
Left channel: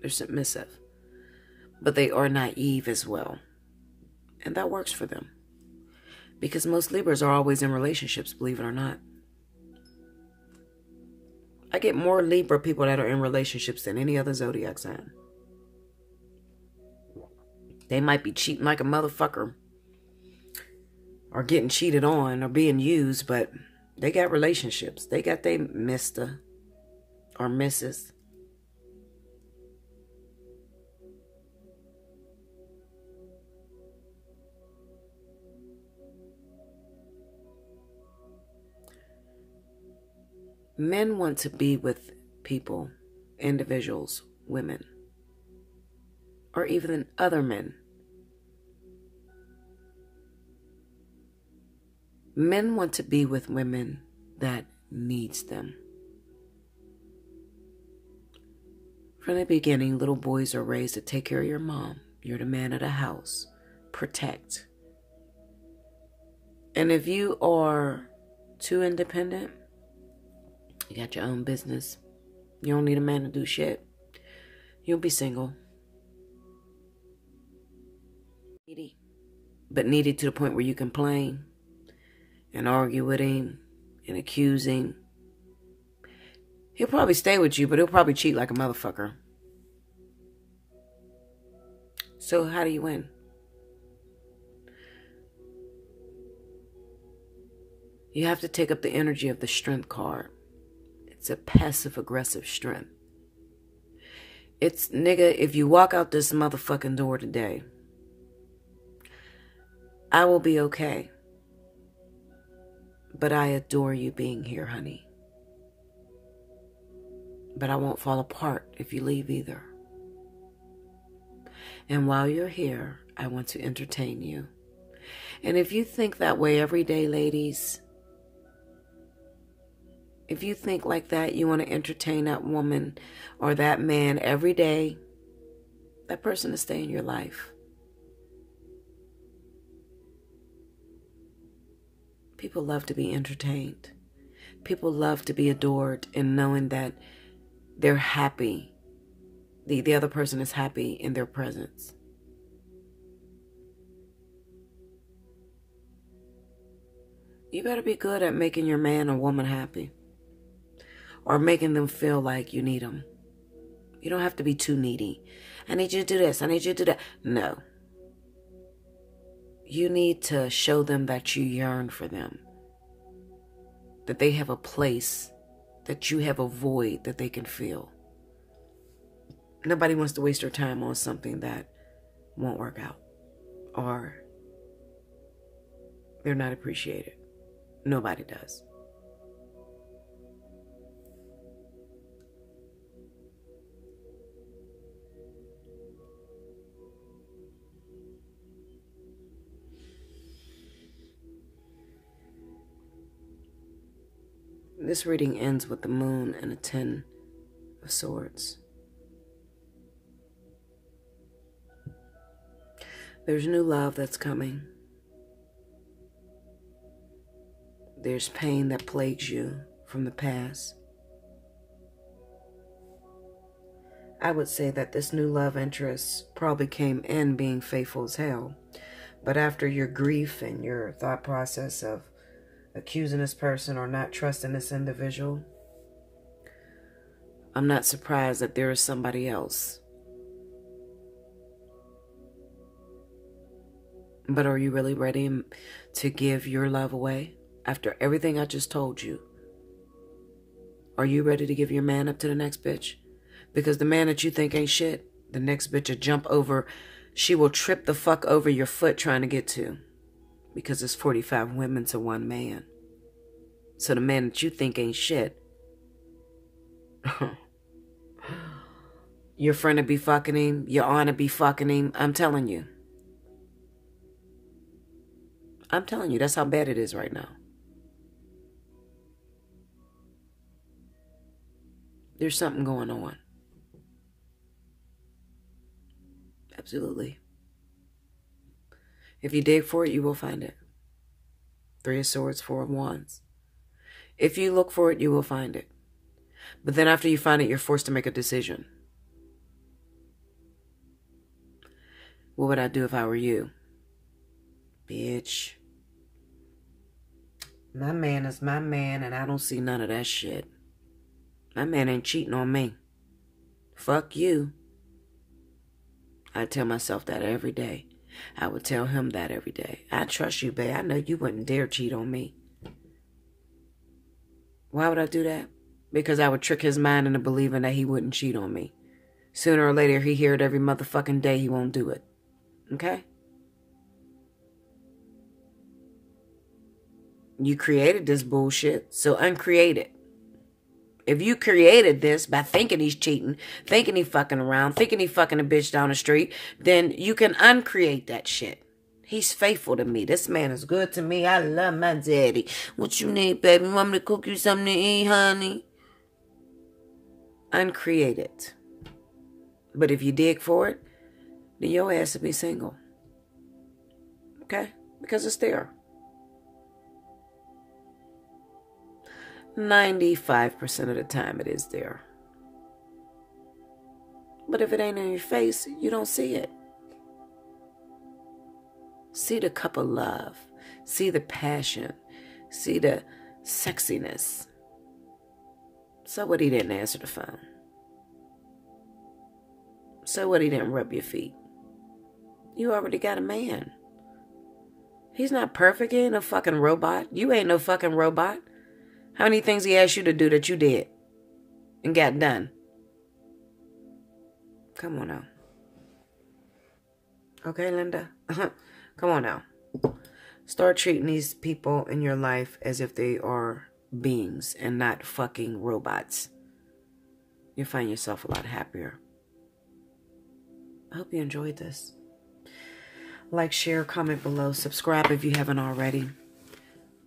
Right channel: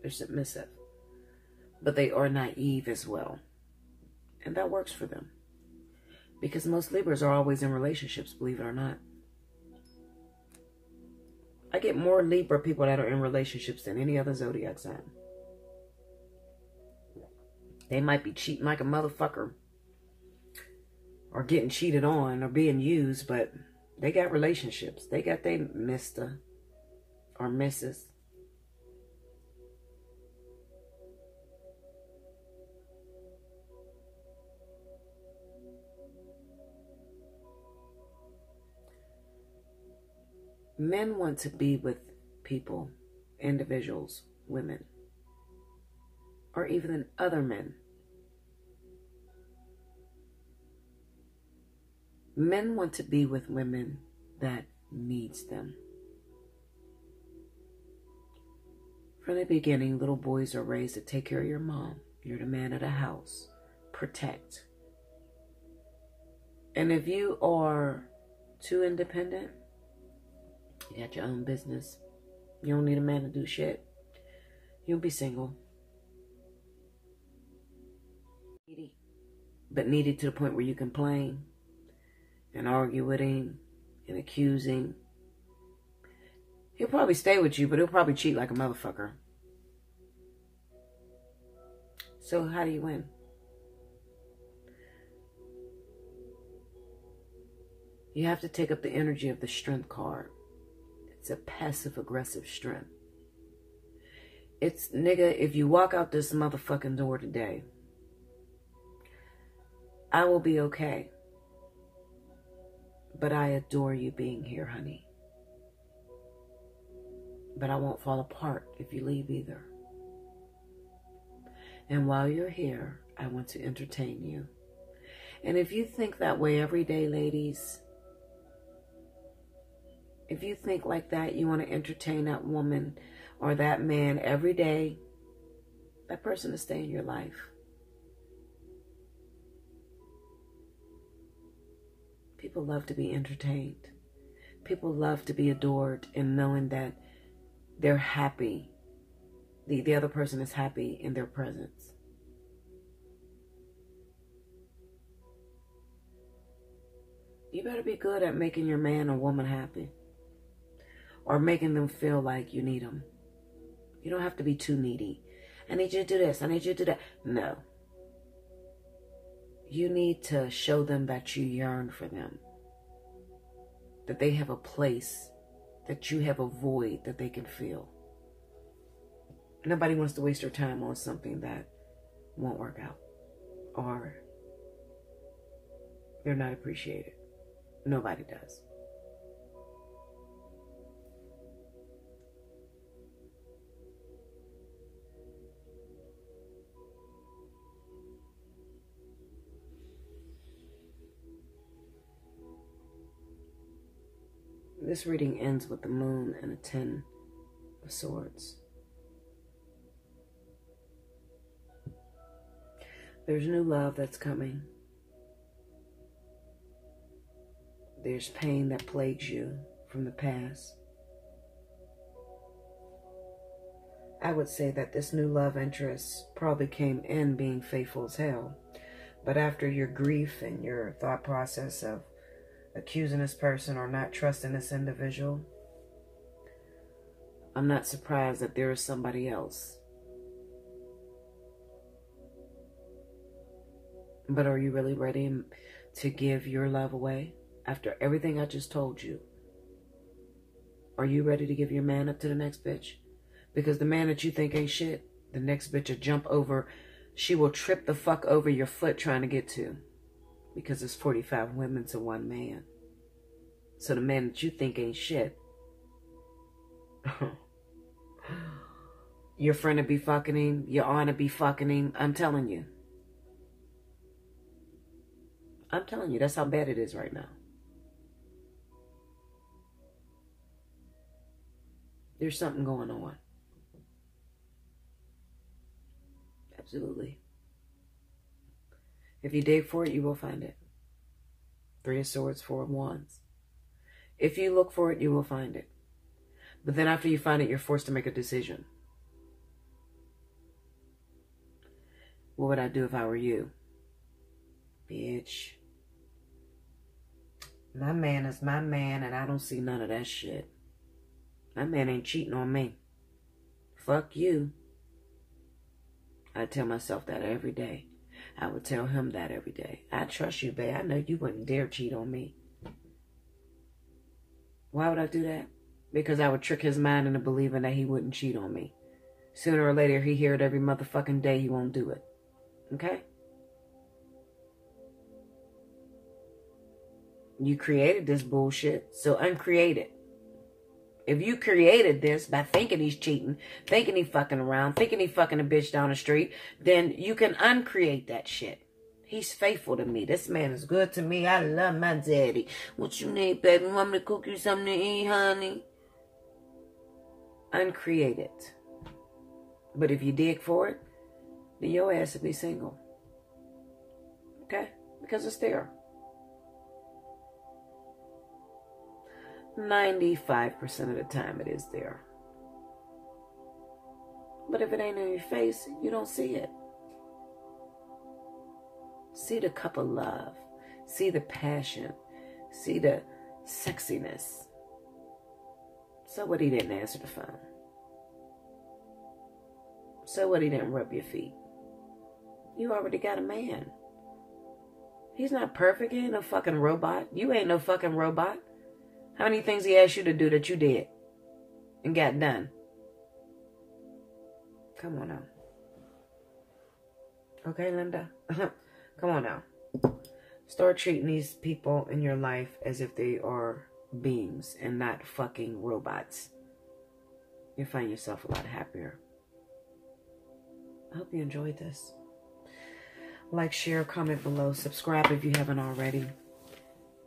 They're submissive. But they are naive as well. And that works for them. Because most Libras are always in relationships, believe it or not. I get more Libra people that are in relationships than any other zodiac sign. They might be cheating like a motherfucker, or getting cheated on, or being used, but they got relationships. They got their Mr. or Mrs. Men want to be with people, individuals, women, or even other men. Men want to be with women that needs them. From the beginning, little boys are raised to take care of your mom. You're the man of the house. Protect. And if you are too independent, you got your own business, you don't need a man to do shit, you'll be single. Needy. But needy to the point where you complain and argue with him and accuse him. He'll probably stay with you, but he'll probably cheat like a motherfucker. So how do you win? You have to take up the energy of the strength card. It's a passive-aggressive strength. It's, nigga, if you walk out this motherfucking door today, I will be okay. But I adore you being here, honey. But I won't fall apart if you leave either. And while you're here, I want to entertain you. And if you think that way every day, ladies, if you think like that, you want to entertain that woman or that man every day, that person is staying in your life. People love to be entertained. People love to be adored and knowing that they're happy. The other person is happy in their presence. You better be good at making your man or woman happy. Or making them feel like you need them. You don't have to be too needy. I need you to do this. I need you to do that. No. You need to show them that you yearn for them. That they have a place. That you have a void that they can fill. Nobody wants to waste their time on something that won't work out. Or they're not appreciated. Nobody does. This reading ends with the moon and a 10 of swords. There's new love that's coming. There's pain that plagues you from the past. I would say that this new love interest probably came in being faithful as hell. But after your grief and your thought process of accusing this person or not trusting this individual, I'm not surprised that there is somebody else. But are you really ready to give your love away after everything I just told you? Are you ready to give your man up to the next bitch? Because the man that you think ain't shit, the next bitch will jump over. She will trip the fuck over your foot trying to get to. Because it's 45 women to one man. So the man that you think ain't shit, your friend will be fucking him, your aunt will be fucking him. I'm telling you. I'm telling you, that's how bad it is right now. There's something going on. Absolutely. If you dig for it, you will find it. 3 of Swords, 4 of Wands. If you look for it, you will find it. But then after you find it, you're forced to make a decision. What would I do if I were you? Bitch. My man is my man, and I don't see none of that shit. My man ain't cheating on me. Fuck you. I tell myself that every day. I would tell him that every day. I trust you, babe. I know you wouldn't dare cheat on me. Why would I do that? Because I would trick his mind into believing that he wouldn't cheat on me. Sooner or later, he hear it every motherfucking day. He won't do it. Okay? You created this bullshit, so uncreate it. If you created this by thinking he's cheating, thinking he fucking around, thinking he fucking a bitch down the street, then you can uncreate that shit. He's faithful to me. This man is good to me. I love my daddy. What you need, baby? Want me to cook you something to eat, honey? Uncreate it. But if you dig for it, then your ass will be single. Okay? Because it's there. 95% of the time it is there. But if it ain't in your face, you don't see it. See the cup of love. See the passion. See the sexiness. So what, he didn't answer the phone? So what, he didn't rub your feet? You already got a man. He's not perfect. He ain't no fucking robot. You ain't no fucking robot. How many things he asked you to do that you did and got done? Come on now. Okay, Linda? Come on now. Start treating these people in your life as if they are beings and not fucking robots. You'll find yourself a lot happier. I hope you enjoyed this. Like, share, comment below. Subscribe if you haven't already.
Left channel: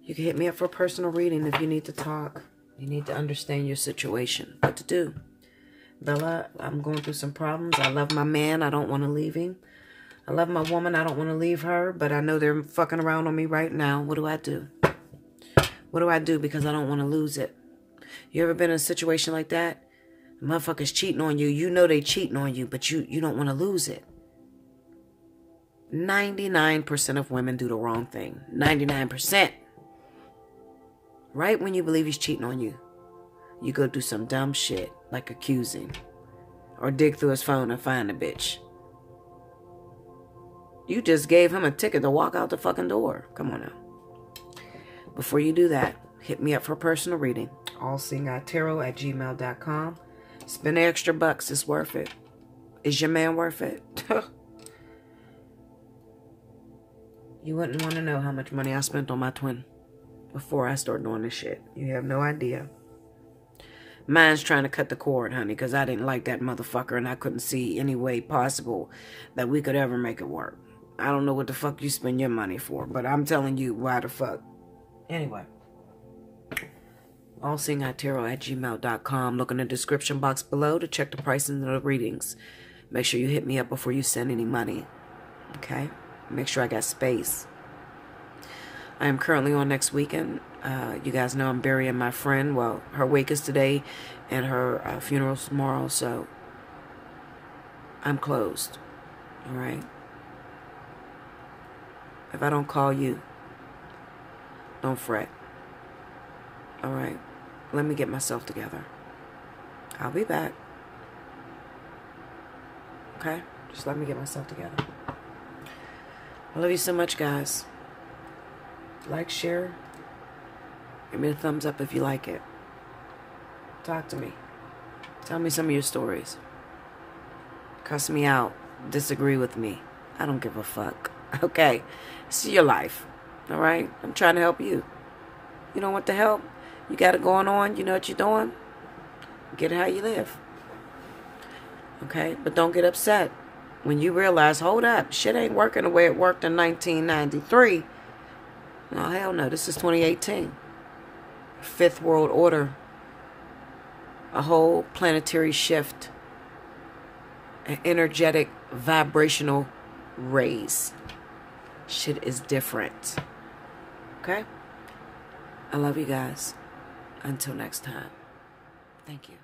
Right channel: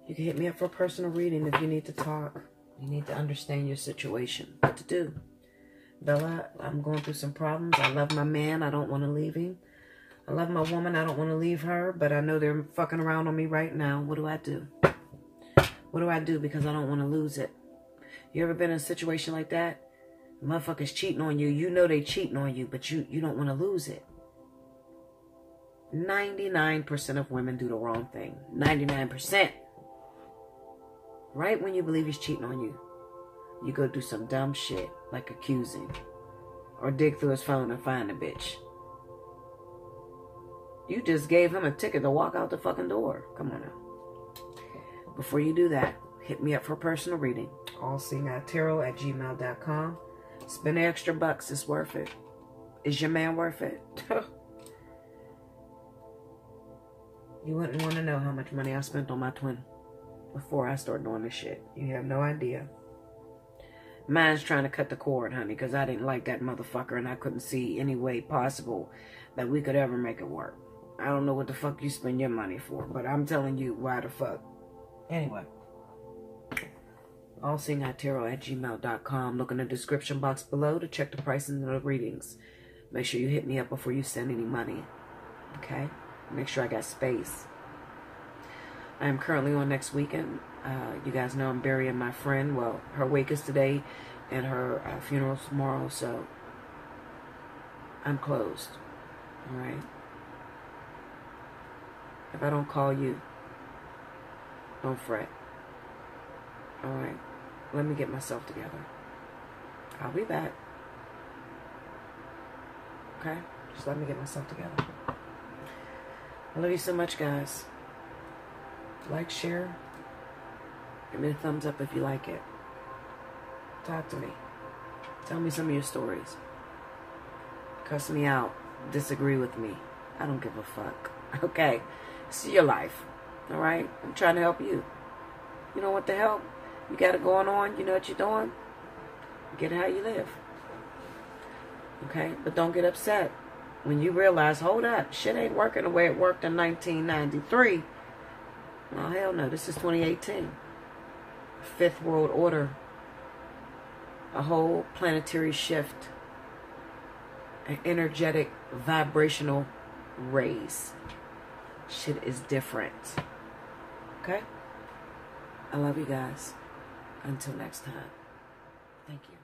You can hit me up for a personal reading if you need to talk. You need to understand your situation. What to do? Bella, I'm going through some problems. I love my man. I don't want to leave him. I love my woman. I don't want to leave her. But I know they're fucking around on me right now. What do I do? What do I do? Because I don't want to lose it. You ever been in a situation like that? The motherfucker's cheating on you. You know they cheating on you. But you don't want to lose it. 99% of women do the wrong thing. 99%. Right when you believe he's cheating on you, you go do some dumb shit like accusing or dig through his phone and find the bitch. You just gave him a ticket to walk out the fucking door. Come on now. Before you do that, hit me up for a personal reading. Allseeingeyetarot@gmail.com. Spend the extra bucks. It's worth it. Is your man worth it? You wouldn't want to know how much money I spent on my twin before I start doing this shit. You have no idea. Mine's trying to cut the cord, honey, because I didn't like that motherfucker and I couldn't see any way possible that we could ever make it work. I don't know what the fuck you spend your money for, but I'm telling you, why the fuck. Anyway. Allseeingeyetarot@gmail.com. Look in the description box below to check the prices of the readings. Make sure you hit me up before you send any money. Okay? Make sure I got space. I am currently on next weekend. You guys know I'm burying my friend. Well, her wake is today and her funeral's tomorrow, so I'm closed. All right? If I don't call you, don't fret. All right? Let me get myself together. I'll be back. Okay? Just let me get myself together. I love you so much, guys. Like, share. Give me a thumbs up if you like it. Talk to me. Tell me some of your stories. Cuss me out. Disagree with me. I don't give a fuck. Okay? This is your life. All right? I'm trying to help you. You don't want the help? You got it going on? You know what you're doing? Get it how you live. Okay? But don't get upset when you realize, hold up, shit ain't working the way it worked in 1993. No, hell no. This is 2018. Fifth world order. A whole planetary shift. An energetic, vibrational raise. Shit is different. Okay? I love you guys. Until next time. Thank you.